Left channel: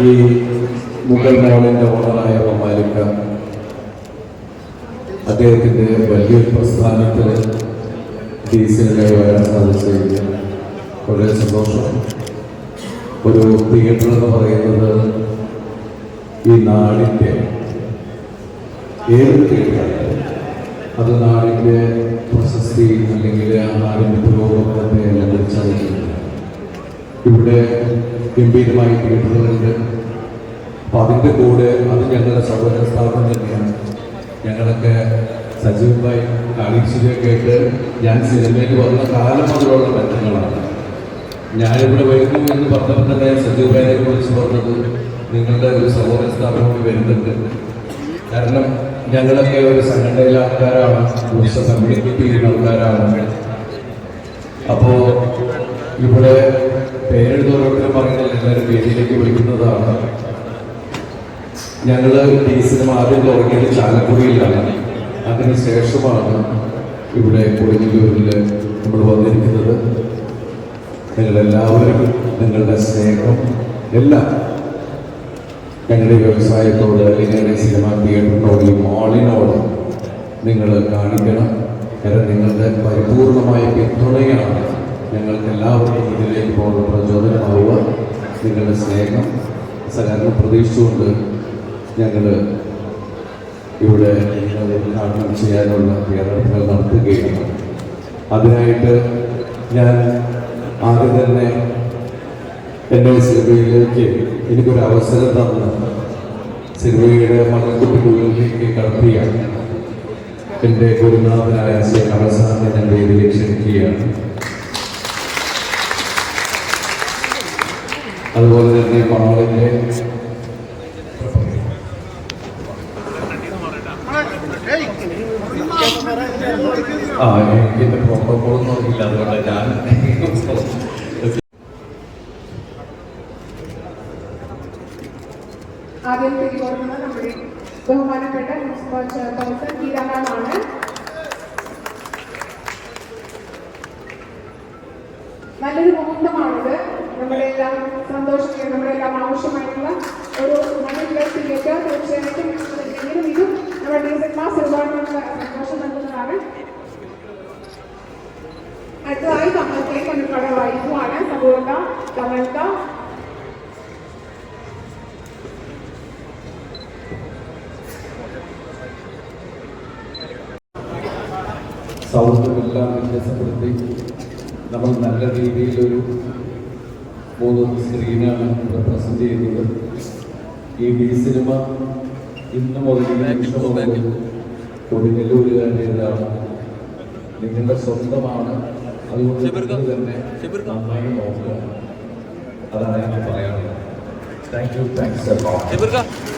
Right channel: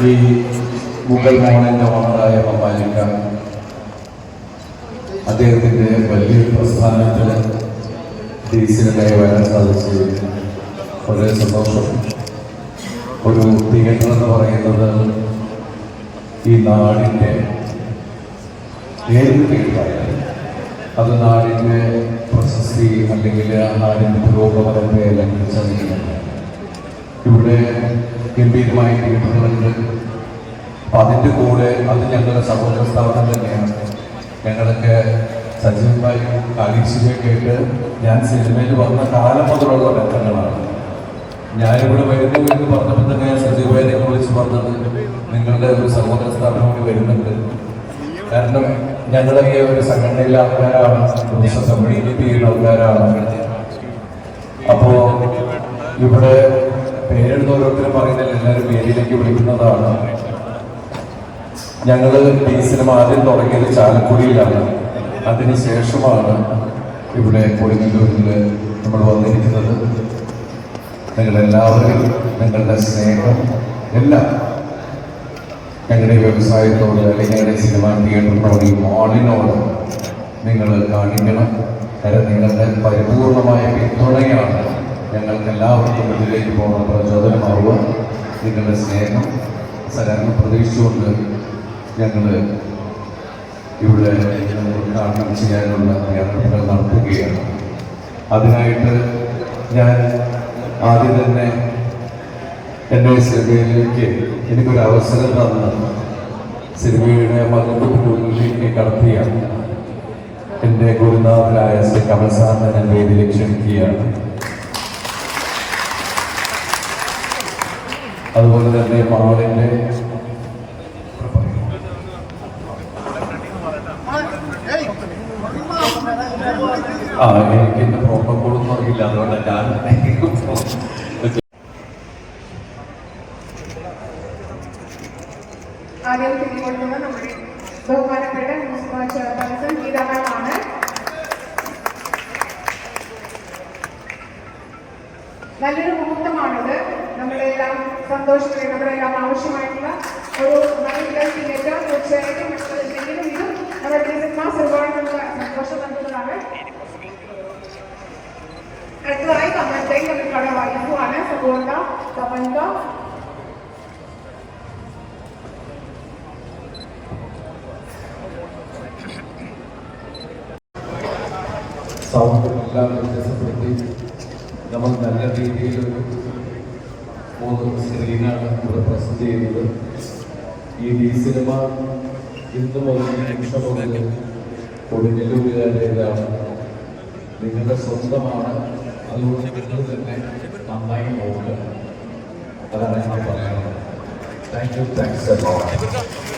ഈ മുഗൾ മോളിന്റെ ഓണറായ മമാലിക്ക അദ്ദേഹത്തിന്റെ വലിയൊരു പ്രസ്ഥാനത്തിൽ ഡീസലിനെ വരുന്നത് വളരെ സന്തോഷം. ഒരു തിയേറ്റർ എന്ന് പറയുന്നത് ഈ നാടിന്റെ ഏത് തിയേറ്ററായാലും അത് നാടിന്റെ പ്രശസ്തി അല്ലെങ്കിൽ ആ നാടിന്റെ പുരോഗമനത്തെ അല്ലെങ്കിൽ ചതിക്കുന്നുണ്ട് ഇവിടെ ഗംഭീരമായി തിയേറ്ററുകളുണ്ട് അപ്പം അതിന്റെ കൂടെ അത് ഞങ്ങളുടെ സഹോദര സ്ഥാപനം തന്നെയാണ്. ഞങ്ങളൊക്കെ സജീവമായി കാളിശിയൊക്കെ കേട്ട് ഞാൻ സിനിമയിൽ വന്ന കാലം മുതലുള്ള ബന്ധങ്ങളാണ്. ഞാനിവിടെ വരുന്നു എന്ന് പറഞ്ഞപ്പോൾ തന്നെ സജീവായെ കുറിച്ച് പറഞ്ഞത് നിങ്ങളുടെ ഒരു സഹോദര സ്ഥാപനം വരുന്നുണ്ട്. കാരണം ഞങ്ങളൊക്കെ ഒരു സംഘടനയിലെ ആൾക്കാരാണ്. ദിവസം കമ്മ്യൂണിക്കേറ്റ് ചെയ്യുന്ന ആൾക്കാരാണ്. അപ്പോ ഇവിടെ പേരെഴുതി ഓരോരുത്തരും പറയുന്നത് എല്ലാവരും വേദിയിലേക്ക് വിളിക്കുന്നതാണ്. ഞങ്ങൾ ഈ സിനിമ ആദ്യം തുടങ്ങിയത് ചാലക്കുടിയിലാണ്. അതിനുശേഷമാണ് ഇവിടെ കോഴിക്കോടിൽ നമ്മൾ വന്നിരിക്കുന്നത്. നിങ്ങളെല്ലാവരും നിങ്ങളുടെ സ്നേഹം എല്ലാം ഞങ്ങളുടെ വ്യവസായത്തോട് അല്ലെങ്കിൽ ഞങ്ങളുടെ സിനിമ തിയേറ്ററിനോട് ഈ മാളിനോട് നിങ്ങൾ കാണിക്കണം. കാരണം നിങ്ങളുടെ പരിപൂർണമായ പിന്തുണയാണ് ഞങ്ങൾക്ക് എല്ലാവർക്കും ഇതിലേക്ക് പോകാൻ പ്രചോദനമാവുക നിങ്ങളുടെ സ്നേഹം സഹകരണം പ്രതീക്ഷിച്ചുകൊണ്ട് ഞങ്ങൾ ഇവിടെ ഉദ്ഘാടനം ചെയ്യാനുള്ള തയ്യാറെടുപ്പുകൾ നടത്തുകയാണ്. അതിനായിട്ട് ഞാൻ ആദ്യം തന്നെ എന്റെ സിനിമയിലേക്ക് എനിക്കൊരു അവസരം തന്ന സിനിമയുടെ മകത്തുള്ളിലേക്ക് കടത്തിയ എന്റെ ഗുരുനാഥനായ ശ്രീ കമൽസാറിനെ ഞാൻ വേദിയിൽ ക്ഷണിക്കുകയാണ്. അതുപോലെ തന്നെ മാളിന്റെ ആ എനിക്ക് എന്റെ പ്രോട്ടോക്കോളൊന്നും അറിയില്ല. അതുകൊണ്ട് ഞാൻ ആദ്യം കിട്ടിക്കൊടുക്കുന്നത് നമ്മുടെ ബഹുമാനപ്പെട്ട മുനിസിപ്പൽ ചെയർപേഴ്സൺ ഗീതകളാണ് നല്ലൊരു മുഹൂർത്തമാണിത്. നമ്മുടെ എല്ലാം സന്തോഷത്തിന് നമ്മുടെ എല്ലാം ആവശ്യമായിട്ടുള്ള ഒരു മത്സരത്തിലേക്ക് തീർച്ചയായിട്ടും ഇത് നമ്മുടെ സിനിമാസ് ഒരുപാട് സന്തോഷം നൽകുന്നതാണ്. അടുത്തതായി നമ്മളത്തേക്ക് നമ്മുടെ വൈഫുമാണ് സുഗോണ്ട തമൽക്ക സൗഹൃദമെല്ലാം വ്യത്യാസപ്പെടുത്തി നമ്മൾ നല്ല രീതിയിലൊരു മൂന്ന് സ്ക്രീനാണ് ഇവിടെ പ്രസന്റ് ചെയ്തത് ഈ ഡി സിനിമ ഇന്ന് മുതൽ ഈ നിമിഷം മുതൽ കൊടുങ്ങല്ലൂരുകാരുടേതാണ് നിങ്ങളുടെ സ്വന്തമാണ്. അതുകൊണ്ട് നിങ്ങൾ തന്നെ നന്നായി നോക്കുക. അതാണ് ഞാൻ പറയാനുള്ളത്. Thank you thanks